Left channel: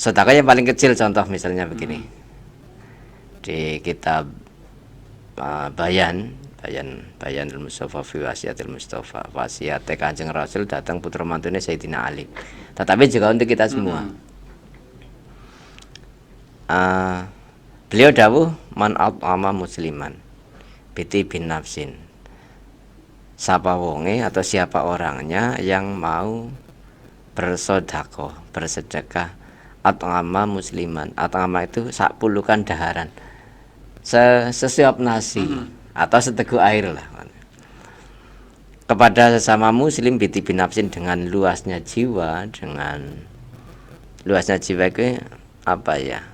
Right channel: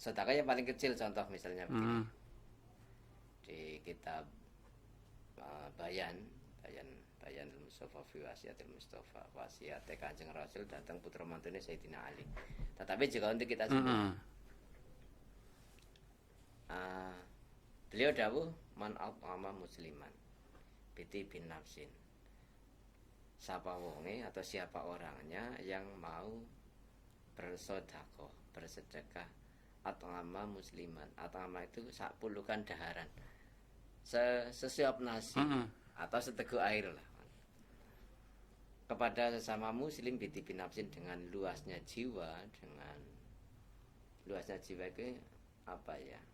sedekah yang paling kecil contoh misalnya begini. Di kitab Bayanul Mustafa fi wasiatil Mustafa, wasiat Kanjeng Rasul datang putra mantune Sayyidina Ali. Tetapi juga untuk kita semua. Beliau dawuh man at'ama musliman biti bin nafsin. Siapa wonge atau siapa orangnya yang mau bersedekah at'ama musliman. At'ama itu sak pulukan daharan. Sesuap nasi atau seteguk air lah kepada sesama muslim biti bin nafsin, dengan luasnya jiwa itu apa ya,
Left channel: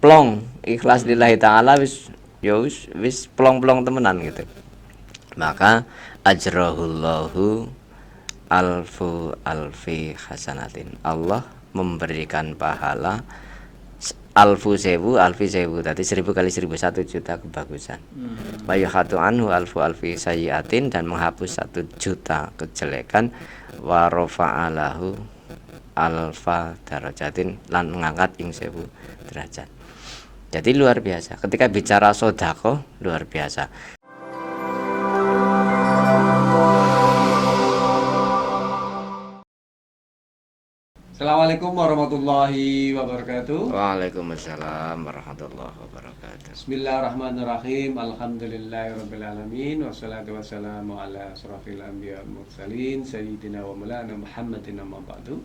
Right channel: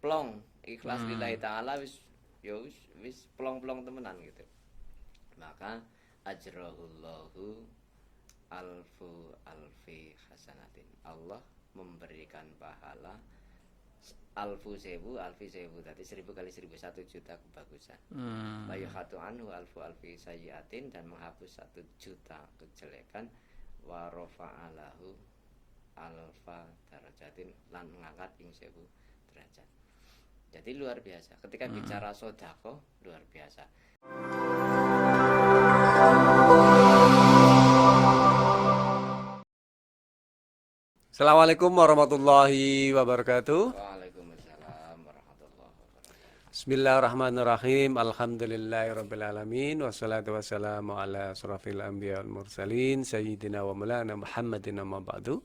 plong ikhlas lillahi ta'ala, wis plong-plong temenan gitu, maka ajrahullahu alfi hasanatin, Allah memberikan pahala alfi sewu tadi 1000 kali 1000 1.000.000 kebagusan. Wa yuhatu anhu alfi sayyiatin, dan menghapus 1.000.000 kejelekan. Wa rafa'alahu alfa darajatin, lan mengangkat ing 1000 derajat. Jadi luar biasa ketika bicara sedekah, luar biasa. Assalamualaikum warahmatullahi wabarakatuh. Waalaikumsalam warahmatullahi wabarakatuh. Bismillahirrahmanirrahim. Alhamdulillahirrabbilalamin. Wassalatu wassalamu ala asrafil anbiya wal mursalin Sayyidina wa maulana Muhammadin amma ba'du.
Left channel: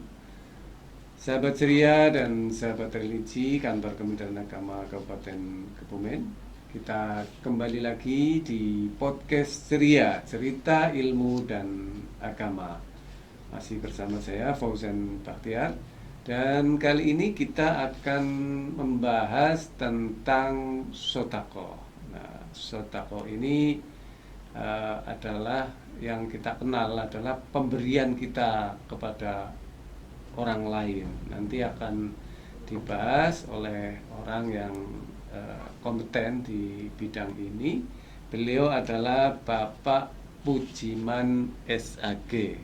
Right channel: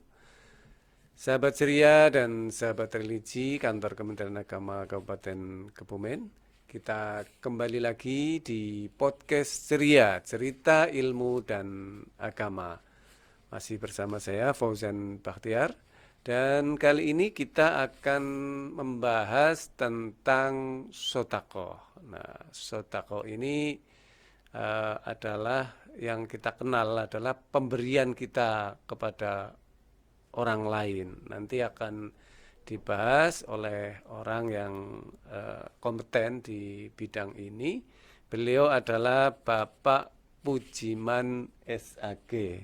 Sahabat ceria dan sahabat religi kantor Kementerian Agama Kabupaten Kebumen, kita kembali lagi di podcast ceria, cerita ilmu dan agama. Masih bersama saya Fauzan Bakhtiar, dan kali ini kita akan membahas tentang sedekah. Nah, sedekah ini adalah yang kita kenal adalah pemberian kita kepada orang lain. Nanti akan dibahas oleh orang yang kompeten di bidang ini. Beliau adalah Bapak Pujiman SAG.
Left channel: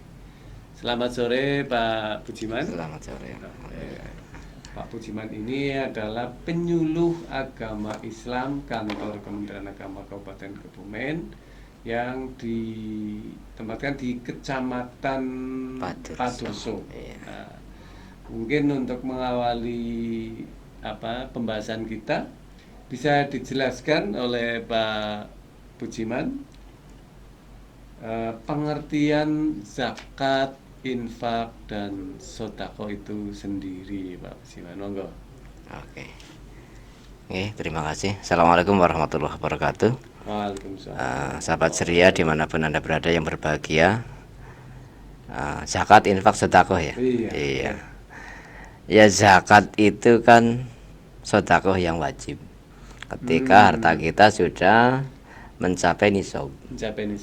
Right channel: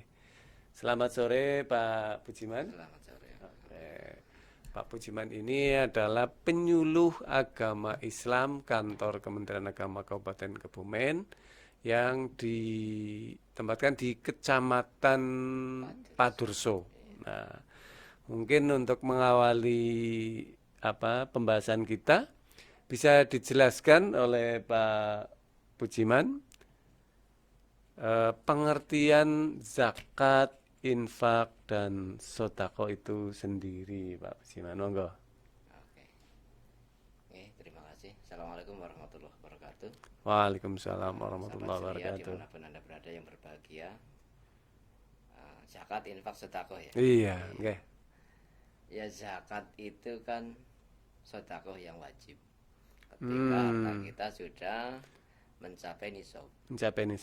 Selamat sore Pak Pujiman. Selamat sore. Pak Pujiman ini adalah penyuluh agama Islam kantor Kementerian Agama Kabupaten Kebumen yang ditempatkan di Kecamatan Padurso. Nah, mungkin untuk mengawali pembahasan kita, bisa dijelaskan oleh Pak Pujiman pengertian zakat, infak, dan sedekah itu sendiri, Pak Pujiman. Monggo. Oke. Terima kasih. Assalamualaikum warahmatullahi wabarakatuh. Waalaikumsalam. Sahabat ceria dimanapun Anda berada yang berbahagia, zakat, infak, sedekah ya. Iya. Ya, zakat itu kan sedekah yang wajib ketika harta kita sudah mencapai nisab.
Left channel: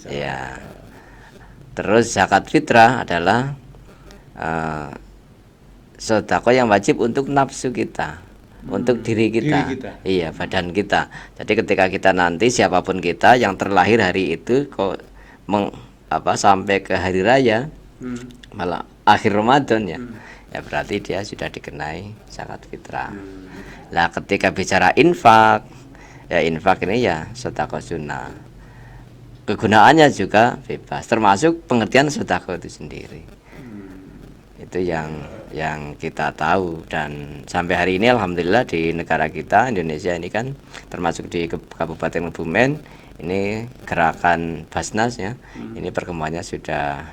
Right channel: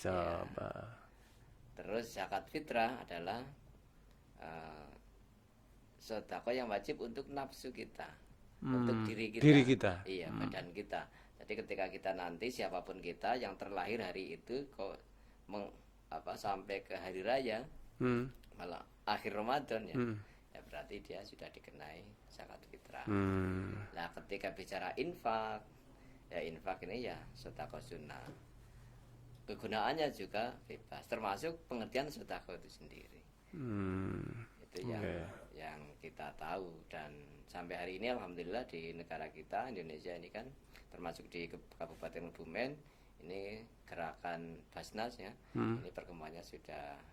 Ya. Terus zakat fitrah adalah sedekah yang wajib untuk nafsu kita, untuk diri kita. Iya, badan kita. Jadi ketika kita nanti, siapapun kita yang terlahir hari itu kok sampai ke hari raya, malah akhir Ramadan ya, ya berarti dia sudah dikenai zakat fitrah. Nah, ketika bicara infak, ya infak ini ya sedekah sunnah. Kegunaannya juga bebas, termasuk pengertian sedekah itu sendiri. Itu yang kita tahu, dan sampai hari ini alhamdulillah di negara kita Indonesia ini kan, termasuk di Kabupaten Kebumen ini gerakan Basnas ya, ini perkembangannya sudah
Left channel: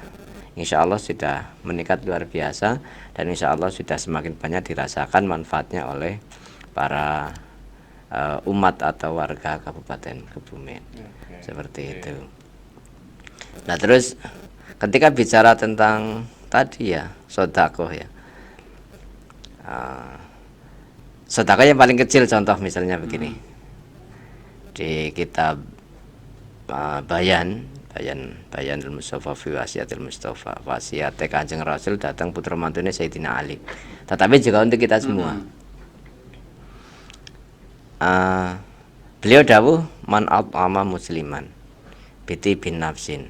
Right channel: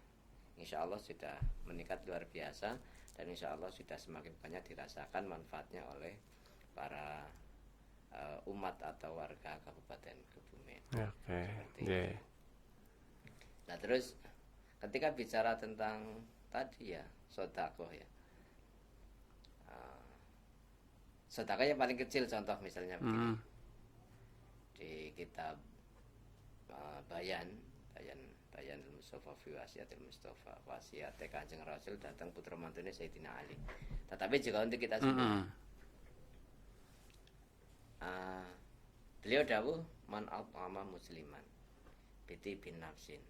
insya Allah sudah meningkat luar biasa, dan insya Allah sudah semakin banyak dirasakan manfaatnya oleh para umat atau warga Kabupaten Kebumen. Seperti itu. Nah, terus ketika bicara tentang tadi ya sedekah ya, sedekah yang paling kecil contoh misalnya begini. Di kitab Bayanul Mustafa fi wasiatil Mustafa, wasiat Kanjeng Rasul datang putra mantune Sayyidina Ali. Tetapi juga untuk kita semua. Beliau dawuh man at'ama musliman biti bin nafsin.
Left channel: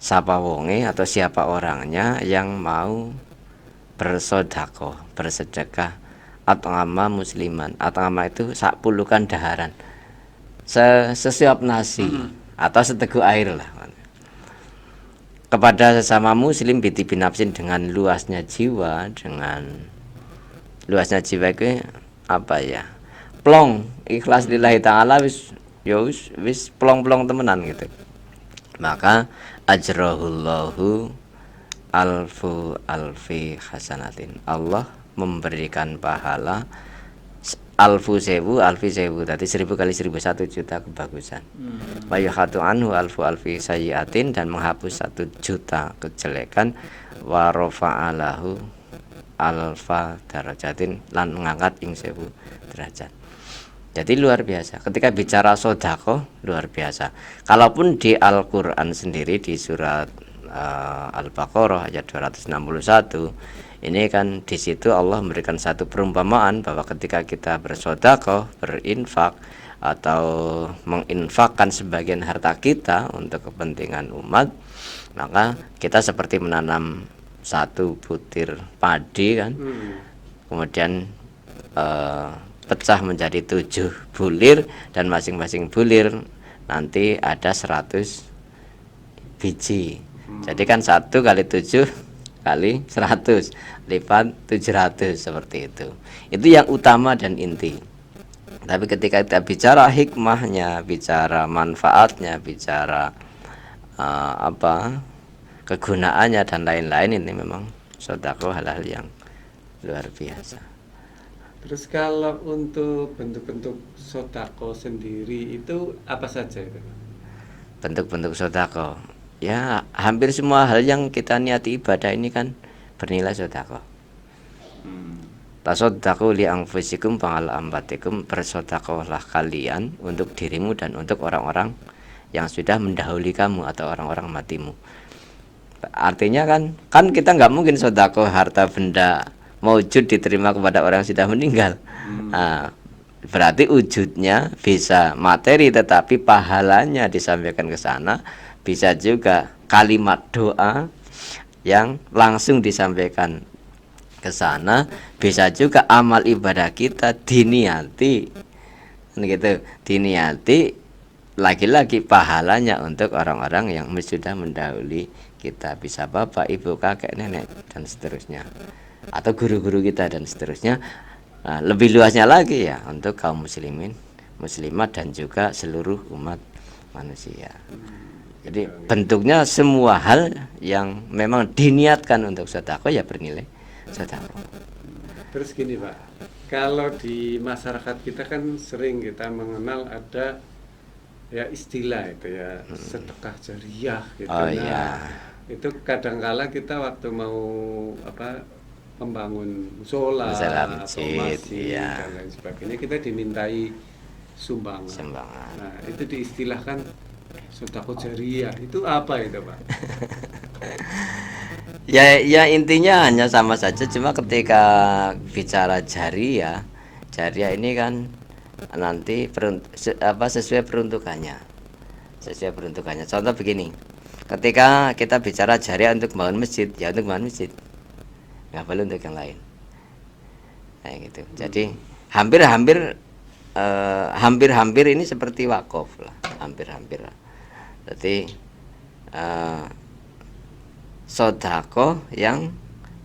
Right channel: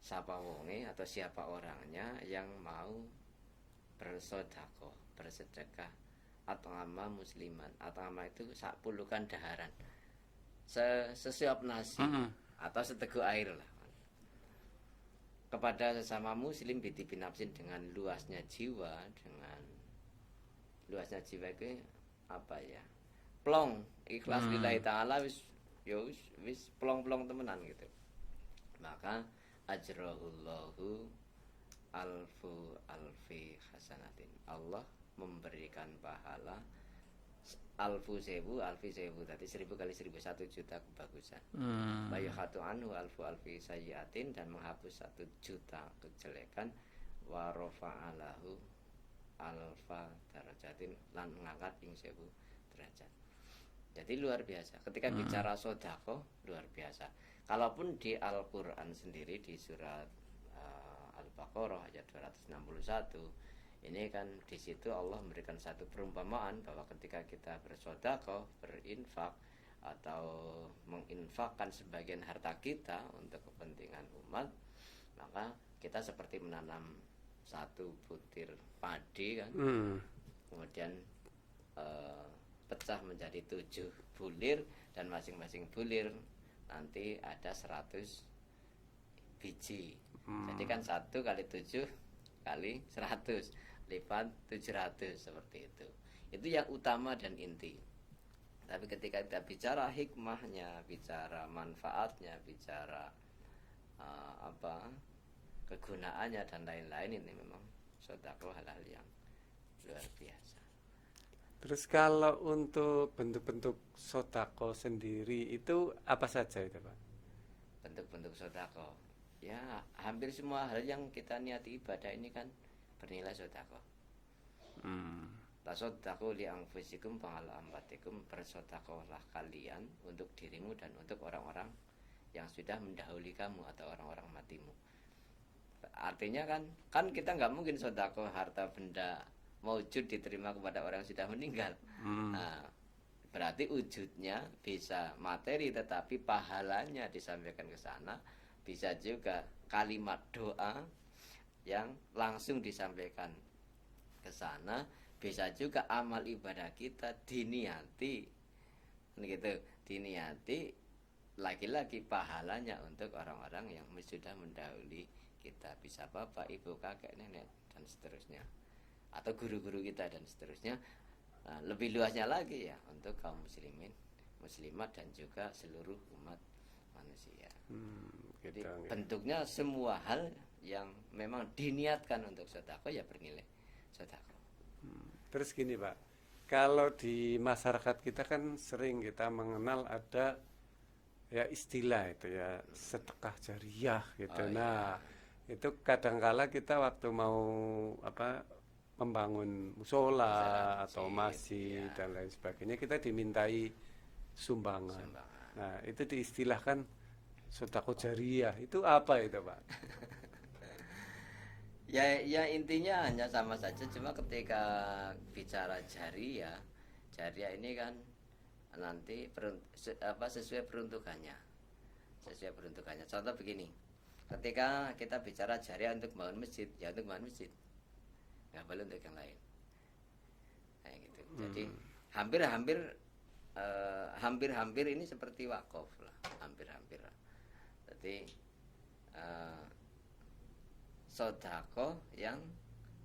Siapa wonge atau siapa orangnya yang mau bersedekah, bersedekah at'ama musliman. At'ama itu sak pulukan daharan. Sesuap nasi atau seteguk air lah. Kepada sesama muslim biti binafsin, dengan luasnya jiwa, dengan luasnya jiwa itu apa ya? Plong, ikhlas lillahi ta'ala wis ya wis plong-plong temenan gitu. Maka ajrahullahu alfu alfi hasanatin. Allah memberikan pahala alfi sewu, tadi 1000 kali 1000, 1 juta kebagusan. Wa yuhatu anhu alfu alfi sayyiatin, dan menghapus 1 juta kejelekan. Wa rafa'alahu alfa darajatin, lan mengangkat ing 1000 derajat. Jadi luar biasa. Ketika bicara sedekah luar biasa. Kalaupun di Al-Qur'an sendiri di surat Al-Baqarah ayat 261, ini kan di situ Allah memberikan satu perumpamaan bahwa ketika kita bersedekah, berinfak atau menginfakkan sebagian harta kita untuk kepentingan umat, maka kita seperti menanam 1 butir padi kan. Kemudian pecah menjadi 7 bulir, dan masing-masing bulir nanti ada 100 biji. Jadi kan 1 kali 7 kali 100 lipat 700, seperti itu. Itu yang utama dan inti. Tapi ketika kita bicara hikmahnya, bicara manfaatnya, bicara kegunaannya dan lain-lain, ini memang sedekah hal-hal yang luar biasa. Terus kalau untuk bentuk-bentuk sedekah sendiri itu apa saja itu, Pak? Bentuk-bentuk sedekah, ya hampir semua hal yang kita niati ibadah ini kan bernilai sedekah. Tasaddaqu li anfusikum fa'ala ambatikum, bersedekahlah kalian untuk dirimu dan untuk orang-orang yang sudah mendahului kamu atau orang-orang matimu. Artinya kan kita nggak mungkin sedekah harta benda maujud diterima kepada orang yang sudah meninggal. Nah, berarti wujudnya bisa materi, tetapi pahalanya disampaikan ke sana. Bisa juga kalimat doa yang langsung disampaikan ke sana, bisa juga amal ibadah kita diniati gitu, diniati lagi-lagi pahalanya untuk orang-orang yang sudah mendahului kita, bisa bapak, ibu, kakek, nenek dan seterusnya, atau guru-guru kita dan seterusnya. Nah, lebih luasnya lagi ya untuk kaum muslimin, muslimat, dan juga seluruh umat manusia. Jadi bentuknya semua hal yang memang diniatkan untuk sedekah ya bernilai sedekah. Terus gini, Pak, kalau di masyarakat kita kan sering kita mengenal ada ya istilah itu ya sedekah jariah gitu. Oh, nah, iya. itu kadangkala kita waktu mau membangun musola atau masjid iya, dan lain sebagainya, kita dimintai sumbangan. Nah, itu diistilahkan sedekah jariah. Itu apa itu, Pak? Ya intinya hanya sama saja, cuma ketika bicara jariah ini kan nanti sesuai peruntukannya. Contoh begini, ketika kita bicara jariah untuk membangun masjid, ya untuk membangun masjid, nggak boleh untuk yang lain. Nah, gitu. Jadi hampir ini seperti wakaf lah, hampir. Jadi sedekah yang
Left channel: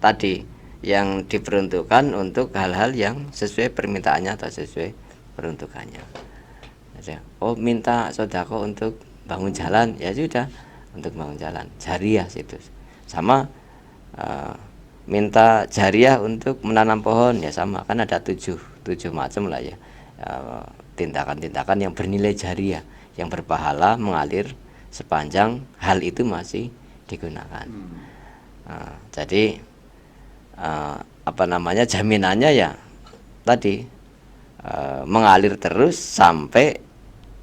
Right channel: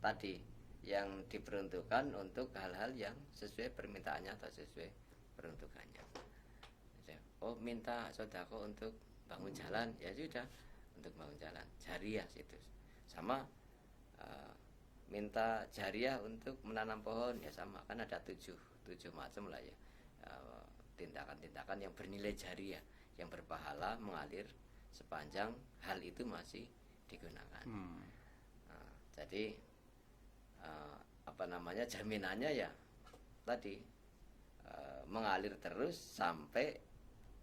tadi yang diperuntukkan untuk hal-hal yang sesuai permintaannya atau sesuai peruntukannya. Oh, minta sedekah untuk bangun jalan, ya sudah untuk bangun jalan, jariah itu. Sama minta jariah untuk menanam pohon, ya sama, kan ada 7 macam lah ya, tindakan-tindakan yang bernilai jariah, yang berpahala mengalir sepanjang hal itu masih digunakan. Jadi jaminannya ya tadi mengalir terus sampai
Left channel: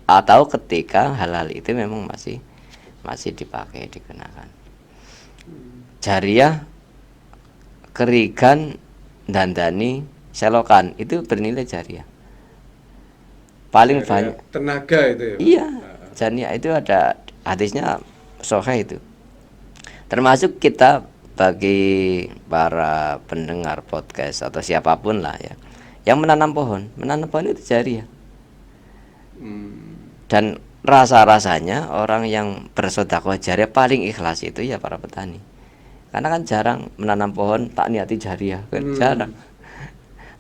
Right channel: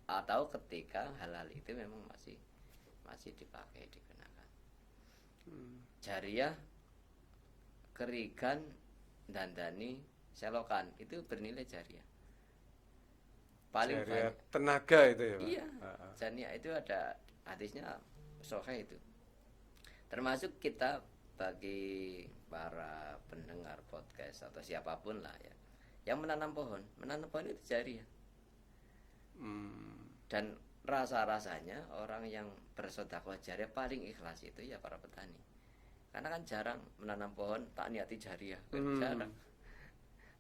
atau ketika hal-hal itu memang masih dipakai, digunakan. Jariah kerigan dandani selokan itu bernilai jariah. Paling banyak tenaga itu ya. Iya, jariah itu ada hadisnya sahih itu. Termasuk kita bagi para pendengar podcast atau siapapun lah ya, yang menanam pohon itu jariah. Dan rasa-rasanya orang yang bersedekah jariah paling ikhlas itu ya para petani. Karena kan jarang menanam pohon tak niati jariah, kan jarang.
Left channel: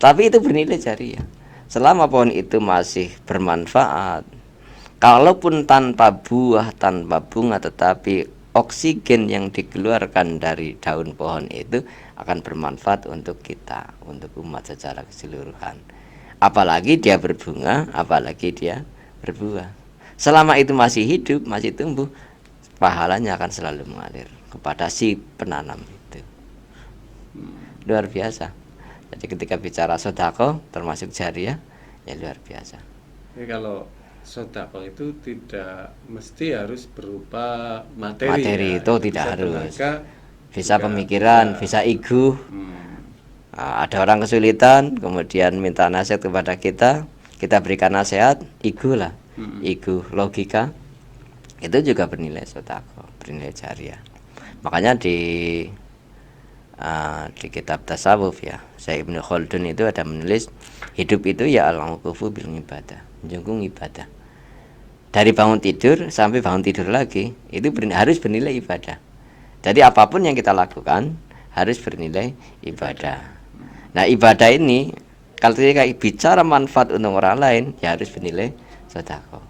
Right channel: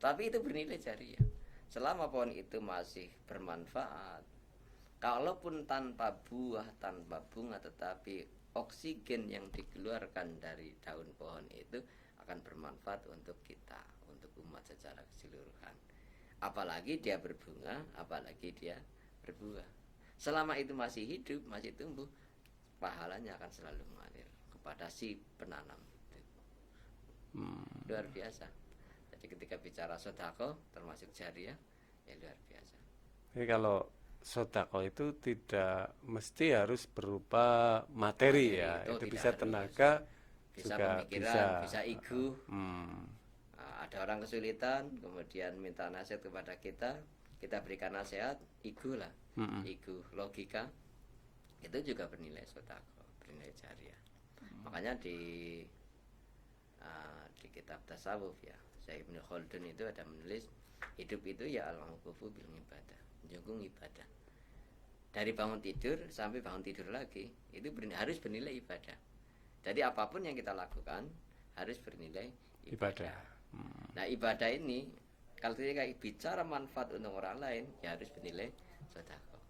Tapi itu bernilai jariah. Selama pohon itu masih bermanfaat, kalaupun tanpa buah, tanpa bunga, tetapi oksigen yang dikeluarkan dari daun pohon itu akan bermanfaat untuk kita, untuk umat secara keseluruhan. Apalagi dia berbunga, apalagi dia berbuah. Selama itu masih hidup, masih tumbuh, pahalanya akan selalu mengalir kepada si penanam itu. Luar biasa. Jadi ketika bicara sedekah termasuk jariah, ya luar biasa. Jadi kalau sedekah itu tidak mesti harus berupa materi ya. Itu tidak harus. Bisa pemikiran, bisa ego. Nah, ada orang kesulitan, kemudian minta nasihat kepada kita berikan nasihat, ego lah, ego logika, itu juga bernilai sedekah, bernilai jariah. Makanya di kitab tasawuf ya, Syekh Ibnu Khaldun itu ada menulis hidup itu ya al-uqufu bil ibadah, menjungkung ibadah. Dari bangun tidur sampai bangun tidur lagi itu harus bernilai ibadah. Jadi apapun yang kita lakukan harus bernilai ibadah. Nah, ibadah ini kalau kita bicara manfaat untuk orang lain ya harus bernilai sedekah.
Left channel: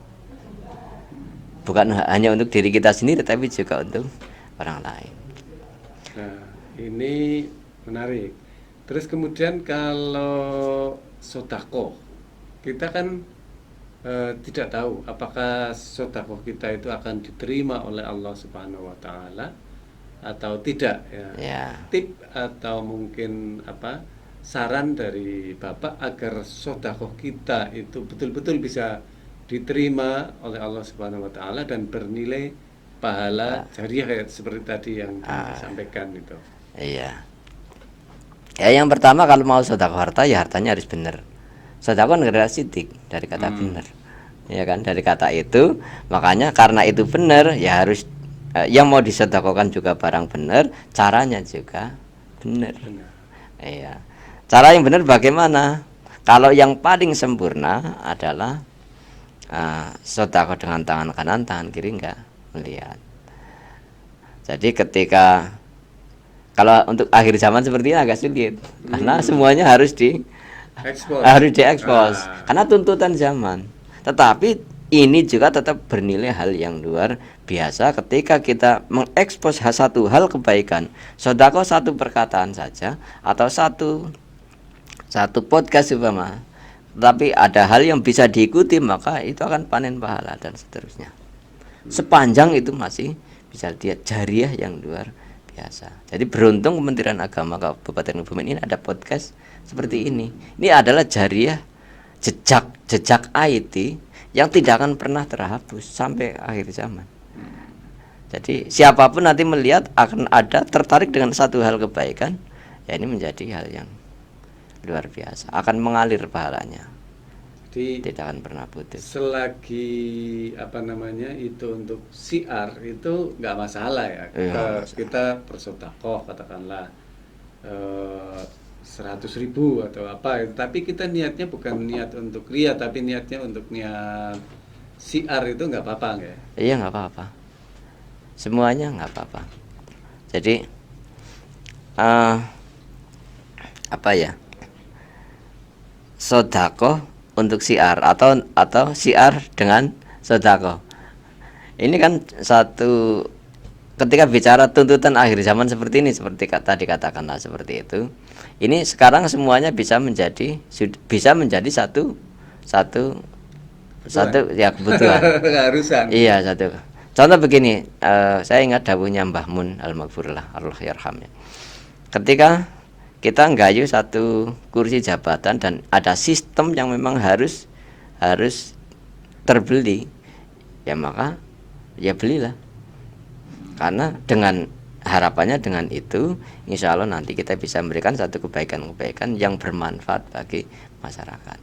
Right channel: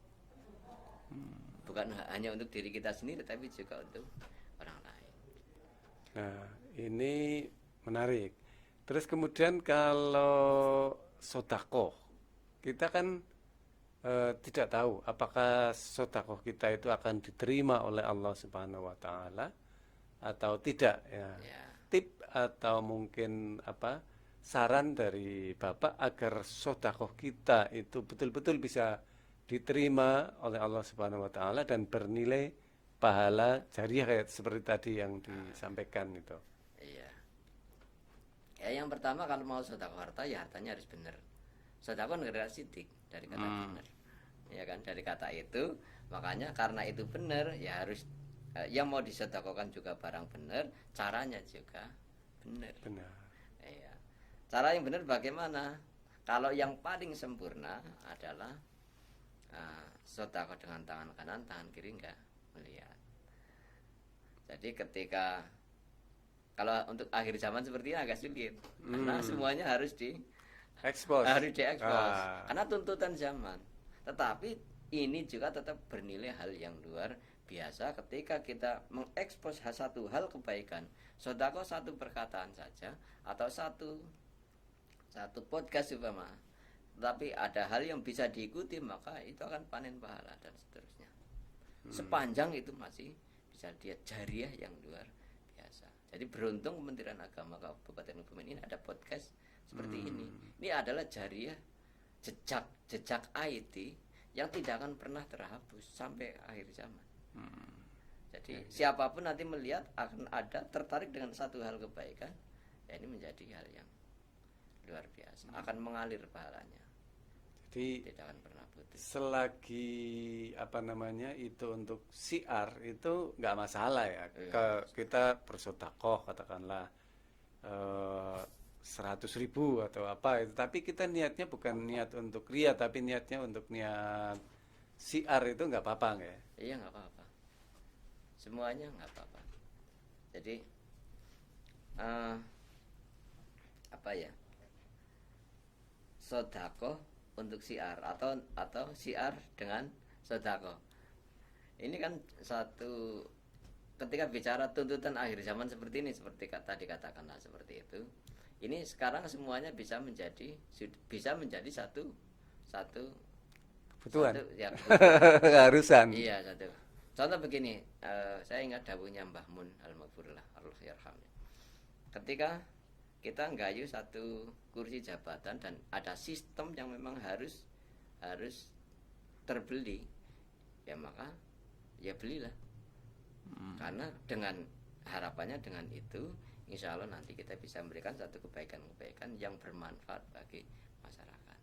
Bukan hanya untuk diri kita sendiri tetapi juga untuk orang lain. Nah, ini menarik. Terus kemudian kalau sedekah, kita kan tidak tahu apakah sedekah kita itu akan diterima oleh Allah Subhanahu wa taala atau tidak ya. Tip atau mungkin saran dari Bapak agar sedekah kita itu betul-betul bisa diterima oleh Allah Subhanahu wa taala dan bernilai pahala jariah seperti tadi yang disampaikan itu. Iya. Ya yang pertama kalau mau sedekah harta ya hartanya harus benar. Sedekah kan dari sidik, dari kata benar. Ya kan, dari kata itu, makanya karena itu benar ya harus yang mau disedekahkan juga barang benar, caranya juga benar. Iya. Cara yang benar bagaimana? Kalau yang paling sempurna adalah sedekah dengan tangan kanan, tangan kiri enggak melihat. Jadi ketika kalau untuk akhir zaman seperti ini agak sulit karena semuanya harus diekspos karena tuntutan zaman. Tetapi ini juga tetap bernilai hal yang luar biasa ketika kita mengekspos satu hal kebaikan, sedekah satu perkataan saja atau satu podcast umpama, tapi ada hal yang bisa diikuti maka itu akan panen pahala dan seterusnya. Sepanjang itu masih bisa lihat jariah yang luar biasa. Jadi beruntung Kementerian Agama Kabupaten Kebumen ini ada podcast seperti ini. Ini adalah jariah jejak IT yang tidak akan pernah terhapus sampai akhir zaman. Jadi siapapun nanti melihat akan ada tertarik dengan satu hal kebaikan, ya ini menjadi hal yang luar biasa, akan mengalir pahalanya. Jadi tidak akan pernah putus. Selagi itu untuk siar itu nggak masalah ya. Kita bersedekah katakanlah 100.000 atau apa, tapi kita niatnya bukan niat untuk ria, tapi niatnya untuk niat siar, itu nggak apa-apa nggak? Iya nggak apa-apa, semuanya nggak apa-apa. Jadi sedekah untuk siar atau siar dengan sedekah. Ini kan satu, ketika bicara tuntutan akhir zaman seperti ini, seperti tadi katakanlah seperti itu. Ini sekarang semuanya bisa menjadi satu ya kebutuhan. Keharusan. Iya, satu. Contoh begini, saya ingat dawuhnya Mbah Mun al-Maghfurlah Allah yarhamnya. Ketika kita nggayu satu kursi jabatan dan ada sistem yang memang harus terbeli, ya maka ya belilah. Karena dengan harapannya dengan itu insya Allah nanti kita bisa memberikan satu kebaikan-kebaikan yang bermanfaat bagi masyarakat.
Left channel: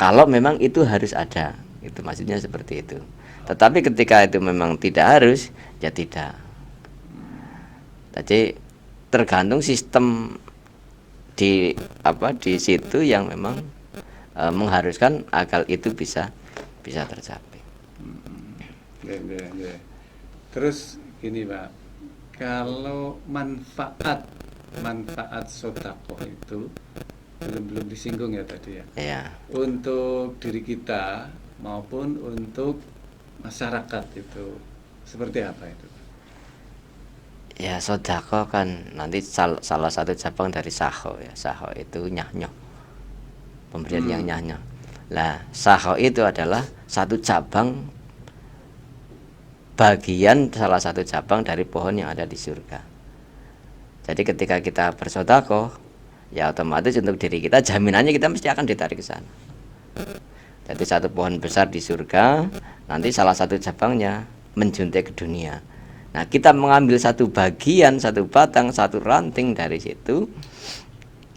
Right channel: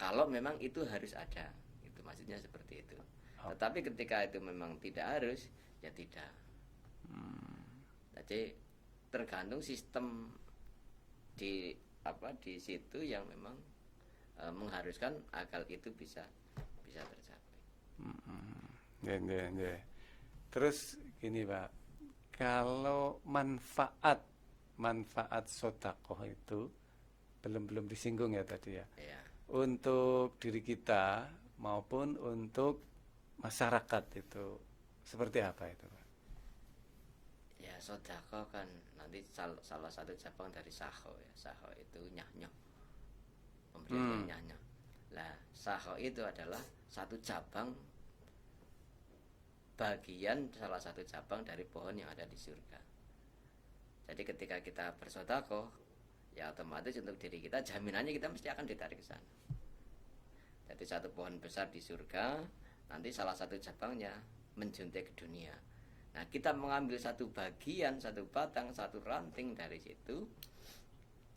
Kalau memang itu harus ada, itu maksudnya seperti itu. Tetapi ketika itu memang tidak harus, ya tidak. Jadi tergantung sistem di situ yang memang mengharuskan agar itu bisa tercapai. Terus gini Pak, kalau manfaat sodako itu belum disinggung ya tadi ya. Ya. Untuk diri kita maupun untuk masyarakat itu seperti apa itu? Ya, sodako kan nanti salah satu cabang dari saho ya. Saho itu nyah-nyoh, pemberian yang nyah-nyoh. Lah, saho itu adalah satu cabang, bagian salah satu cabang dari pohon yang ada di surga. Jadi ketika kita bersodako, ya otomatis untuk diri kita jaminannya kita mesti akan ditarik ke sana. Jadi satu pohon besar di surga, nanti salah satu cabangnya menjuntai ke dunia. Nah, kita mengambil satu bagian, satu batang, satu ranting dari situ.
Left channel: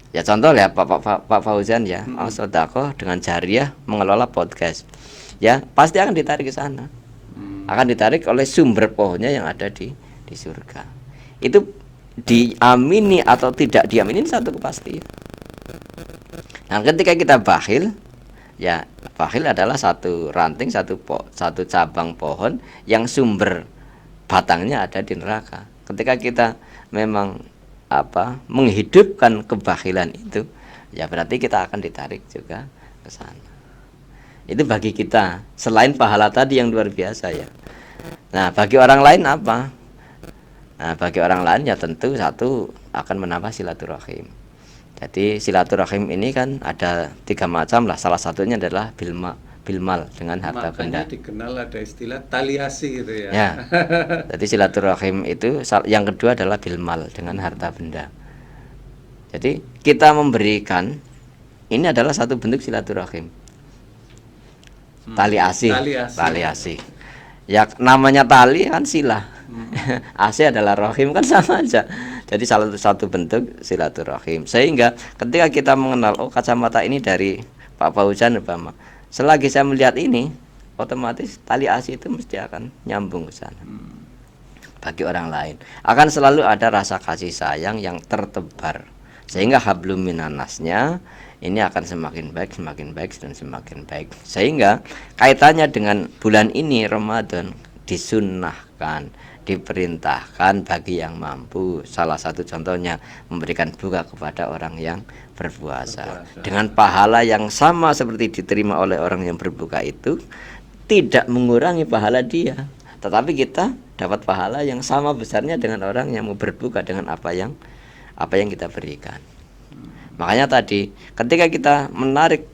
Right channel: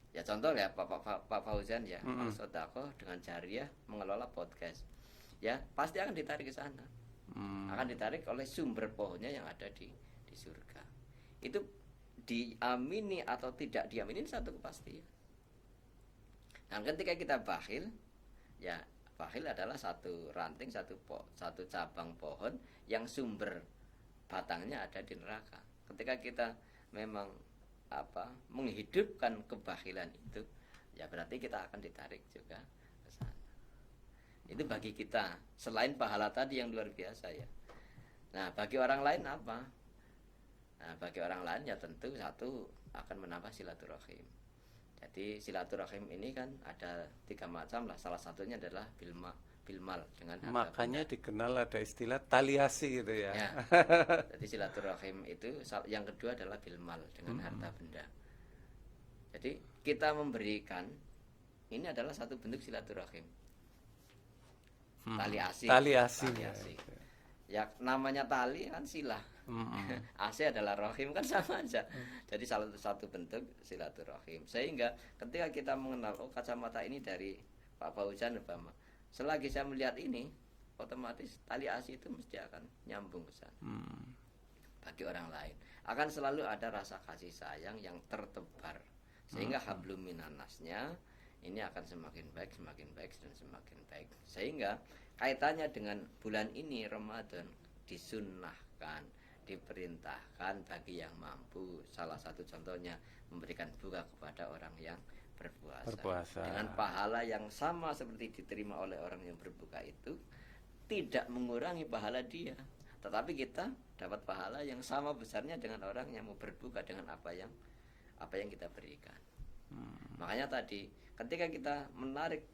Ya contoh ya Pak Fauzan ya, sodako dengan jariah mengelola podcast. Ya, pasti akan ditarik ke sana. Akan ditarik oleh sumber pohonnya yang ada di surga. Itu diamini atau tidak diamini satu kepastian. Nah, ketika kita bakhil, ya bakhil adalah satu ranting, satu cabang pohon yang sumber batangnya ada di neraka. Ketika kita memang menghidupkan kebakhilan itu, ya berarti kita akan ditarik juga ke sana. Itu bagi kita, selain pahala tadi yang luar biasa ya. Nah, bagi orang lain apa? Nah, bagi orang lain ya tentu satu akan menambah silaturahim. Jadi silaturahim ini kan ada 3 macam lah. Salah satunya adalah bilmal dengan harta benda. Makanya dikenal ada istilah taliasi gitu ya. Ya. Jadi silaturahim itu yang kedua adalah bilmal dengan harta benda. Jadi kita memberikan ini adalah satu bentuk silaturahim. Tali asih. Ya namanya tali kan silah. Asih adalah rahim kan sama aja. Jadi salah satu bentuk silaturahim. Sehingga ketika kita mengenal kacamata ini dari Pak Fauzan umpama, selagi saya melihat ini, otomatis tali asih itu mesti akan nyambung ke sana. Bagi orang lain akan selalu ada rasa kasih sayang yang tertebar, sehingga hablum minannasnya ini akan semakin baik dan semakin baik. Sehingga kaitannya dengan bulan ini Ramadan disunnahkan, diperintahkan bagi yang mampu. Salah satu contohnya memberikan buka kepada orang yang berpuasa. Dengan pahala yang sama seperti diterima oleh orang yang berbuka itu, tidak mengurangi pahala dia, tetapi kita dapat pahala yang sama besarnya dengan orang yang mau berbuka dengan apa yang kita berikan. Makanya tadi ketika kita menarik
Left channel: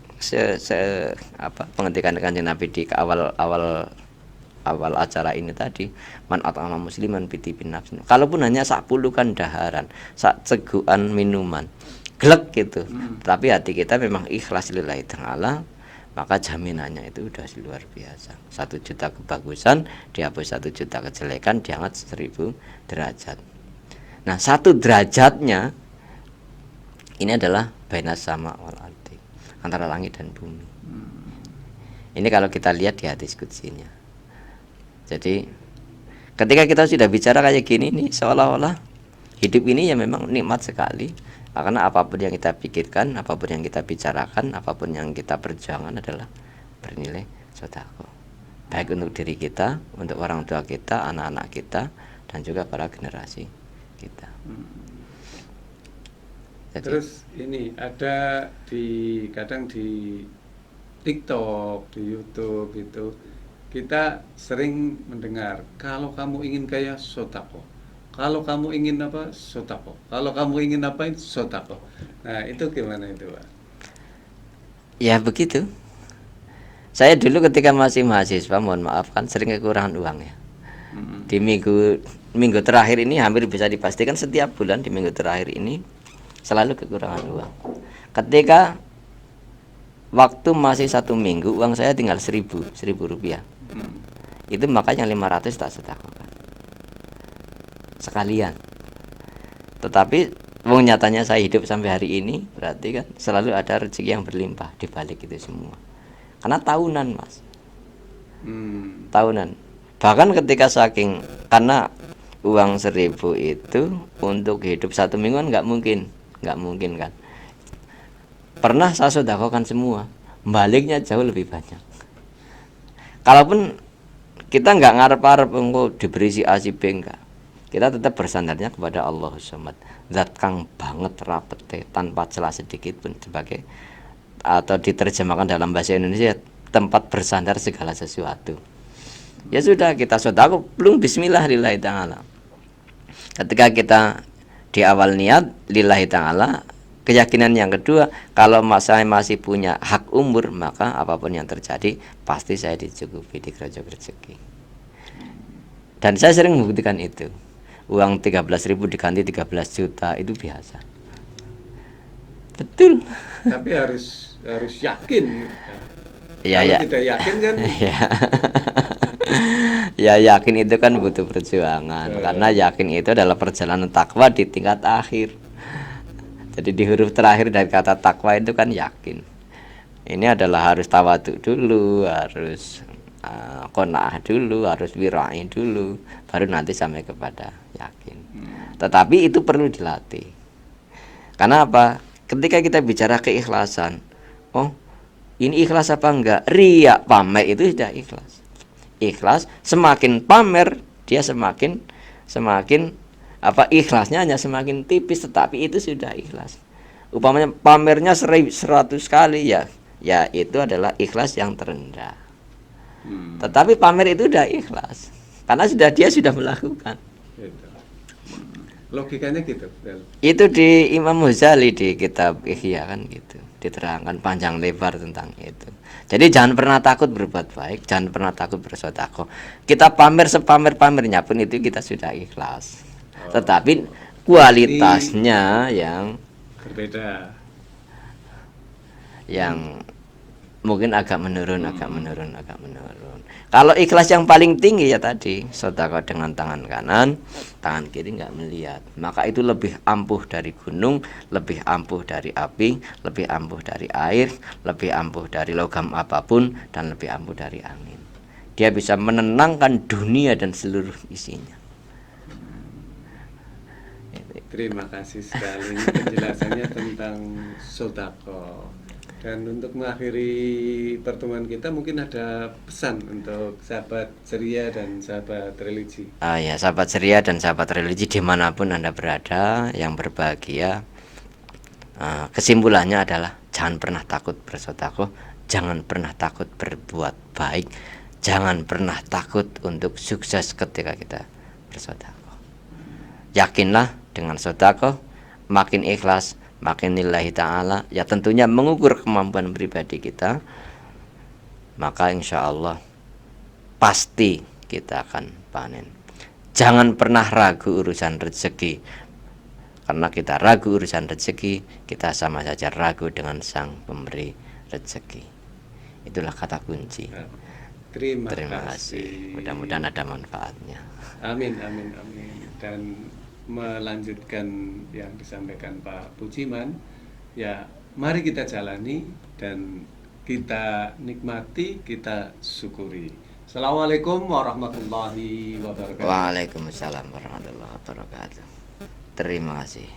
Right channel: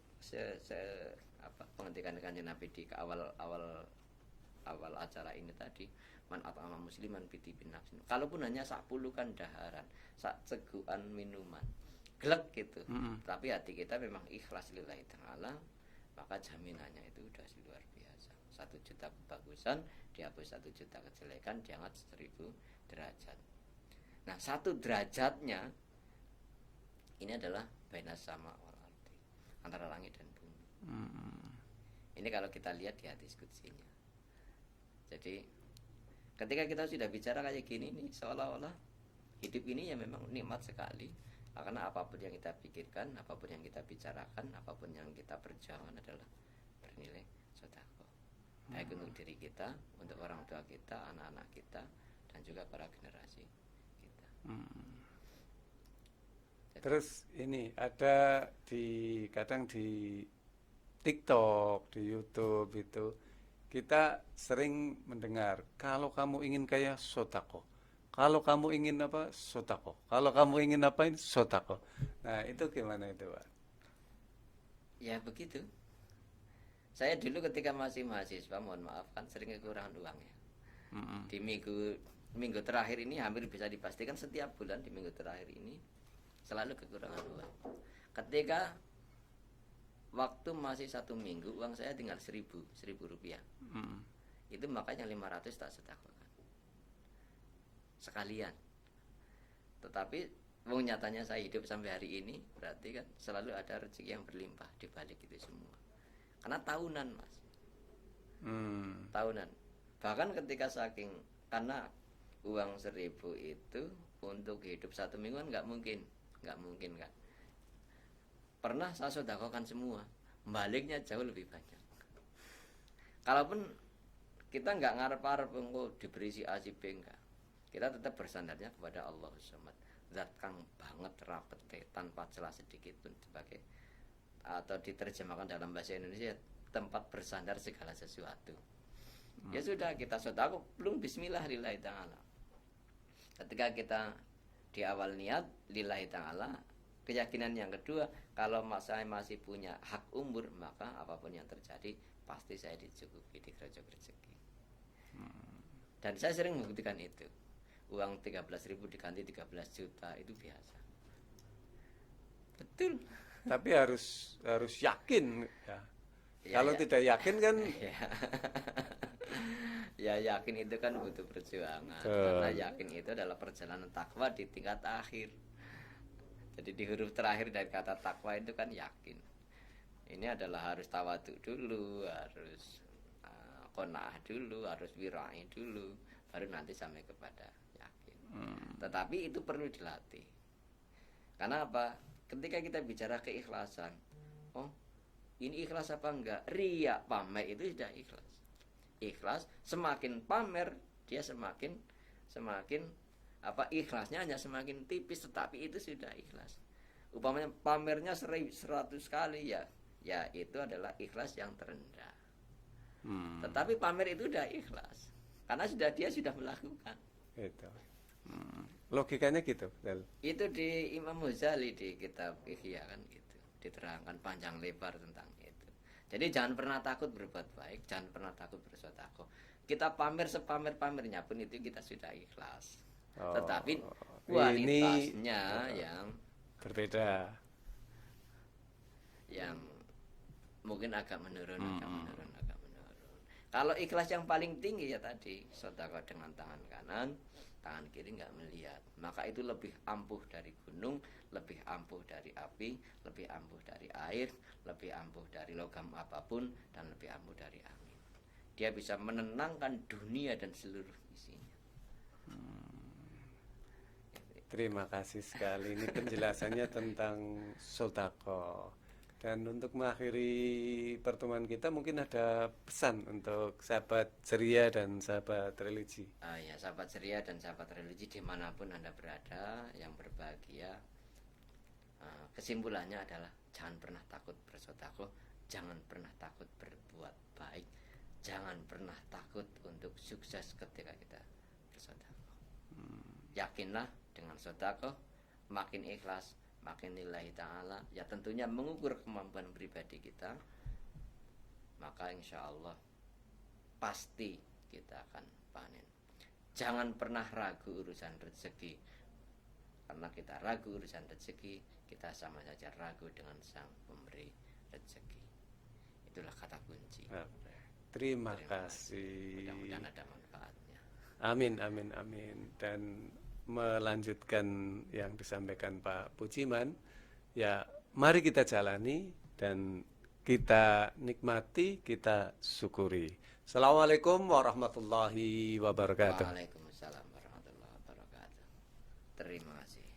penghentikan Kanjeng Nabi di awal acara ini tadi, man at'ama musliman bitibin nafsin, kalaupun hanya sak pulukan daharan, sak cegukan minuman glek gitu, tapi hati kita memang ikhlas lillahi ta'ala, maka jaminannya itu udah luar biasa. 1 juta kebagusan dihapus 1 juta kejelekan, diangkat 1000 derajat. Nah, 1 derajatnya ini adalah bainas sama wal ardi, antara langit dan bumi. Ini kalau kita lihat di hadis qudsinya. Jadi ketika kita sudah bicara kayak gini nih, seolah-olah hidup ini ya memang nikmat sekali. Karena apapun yang kita pikirkan, apapun yang kita bicarakan, apapun yang kita perjuangkan adalah bernilai sedekah. Baik untuk diri kita, untuk orang tua kita, anak-anak kita, dan juga para generasi kita. Jadi, terus ini ada kadang di TikTok, di YouTube itu kita sering mendengar, kalau kamu ingin kaya sodako, kalau kamu ingin apa sodako, kalau kamu ingin apain sodako. Nah itu gimana itu Pak? Ya begitu. Saya dulu ketika masih mahasiswa, mohon maaf kan sering kekurangan uang ya. Di minggu terakhir ini hampir bisa dipastikan setiap bulan di minggu terakhir ini selalu kekurangan uang. Ketika waktu masih 1 minggu uang saya tinggal 1000 rupiah. Itu makanya 500 tak sedekahkan sekalian. Tetapi nyatanya saya hidup sampai hari ini, berarti kan selalu ada rezeki yang berlimpah di balik itu semua. Karena tahunan Mas, tahunan. Bahkan ketika karena uang 1.000 itu untuk hidup 1 minggu kan nggak mungkin kan. Pernah saya sedekahkan semua, baliknya jauh lebih banyak. Kalaupun kita nggak ngarep-arep engko diberi si A si B, enggak. Kita tetap bersandarnya kepada Allah Samad, zat kang banget rapete tanpa celah sedikit pun, sebagai atau diterjemahkan dalam bahasa Indonesia tempat bersandar segala sesuatu. Ya sudah, kita sedekah belum bismillah lillahi ta'ala. Ketika kita di awal niat lillahi ta'ala, keyakinan yang kedua, kalau saya masih punya hak umur, maka apapun yang terjadi pasti saya dicukupi, dikerojok rezeki. Dan saya sering membuktikan itu. Uang 13.000 diganti 13 juta itu biasa. Betul. Tapi harus yakin. Ya, Kalau ya. tidak yakin kan Ya. Ya, yakin itu kan butuh perjuangan. Karena yakin itu adalah perjalanan takwa di tingkat akhir. Jadi di huruf terakhir dari kata takwa itu kan yakin. Ini adalah harus tawaduk dulu, harus qanaah dulu, harus wirai dulu, baru nanti sampai kepada yakin. Tetapi itu perlu dilatih. Karena apa? Ketika kita bicara keikhlasan, oh ini ikhlas apa enggak? Riya, pamer itu sudah ikhlas. Ikhlas, semakin pamer dia semakin ikhlasnya hanya semakin tipis, tetapi itu sudah ikhlas. Upamanya pamernya 100 kali, ya itu adalah ikhlas yang terendah. Tetapi pamer itu udah ikhlas karena dia sudah melakukan. Logikanya gitu. Itu di Imam Ghazali di kitab Ihya kan gitu, diterangkan panjang lebar tentang itu. Jadi jangan pernah takut berbuat baik, jangan pernah takut bersedekah. Kita pamer sepamer-pamernya pun itu kita sudah ikhlas. Tetapi kualitasnya yang berbeda, yang mungkin agak menurun. Kalau ikhlas yang paling tinggi ya tadi, sedekah dengan tangan kanan, tangan kiri nggak melihat, maka itu lebih ampuh dari gunung, lebih ampuh dari api, lebih ampuh dari air, lebih ampuh dari logam apapun, dan lebih ampuh dari angin. Dia bisa menenangkan dunia dan seluruh isinya. Terima kasih sekali penjelasannya tentang sedekah. Dan untuk mengakhiri pertemuan kita, mungkin ada pesan untuk sahabat ceria dan sahabat religi. Ya, sahabat ceria dan sahabat religi dimanapun Anda berada yang berbahagia, kesimpulannya adalah jangan pernah takut bersedekah, jangan pernah takut berbuat baik, jangan pernah takut untuk sukses ketika kita bersedekah. Yakinlah dengan sedekah, makin ikhlas, makin lillahi ta'ala, ya tentunya mengukur kemampuan pribadi kita, maka insya Allah pasti kita akan panen. Jangan pernah ragu urusan rezeki, karena kita ragu urusan rezeki, kita sama saja ragu dengan sang pemberi rezeki. Itulah kata kunci. Terima kasih. Mudah-mudahan ada manfaatnya. Amin. Dan melanjutkan yang disampaikan Pak Pujiman, ya mari kita jalani dan kita nikmati, kita syukuri. Assalamualaikum warahmatullahi wabarakatuh. Waalaikumsalam warahmatullahi wabarakatuh. Terima kasih.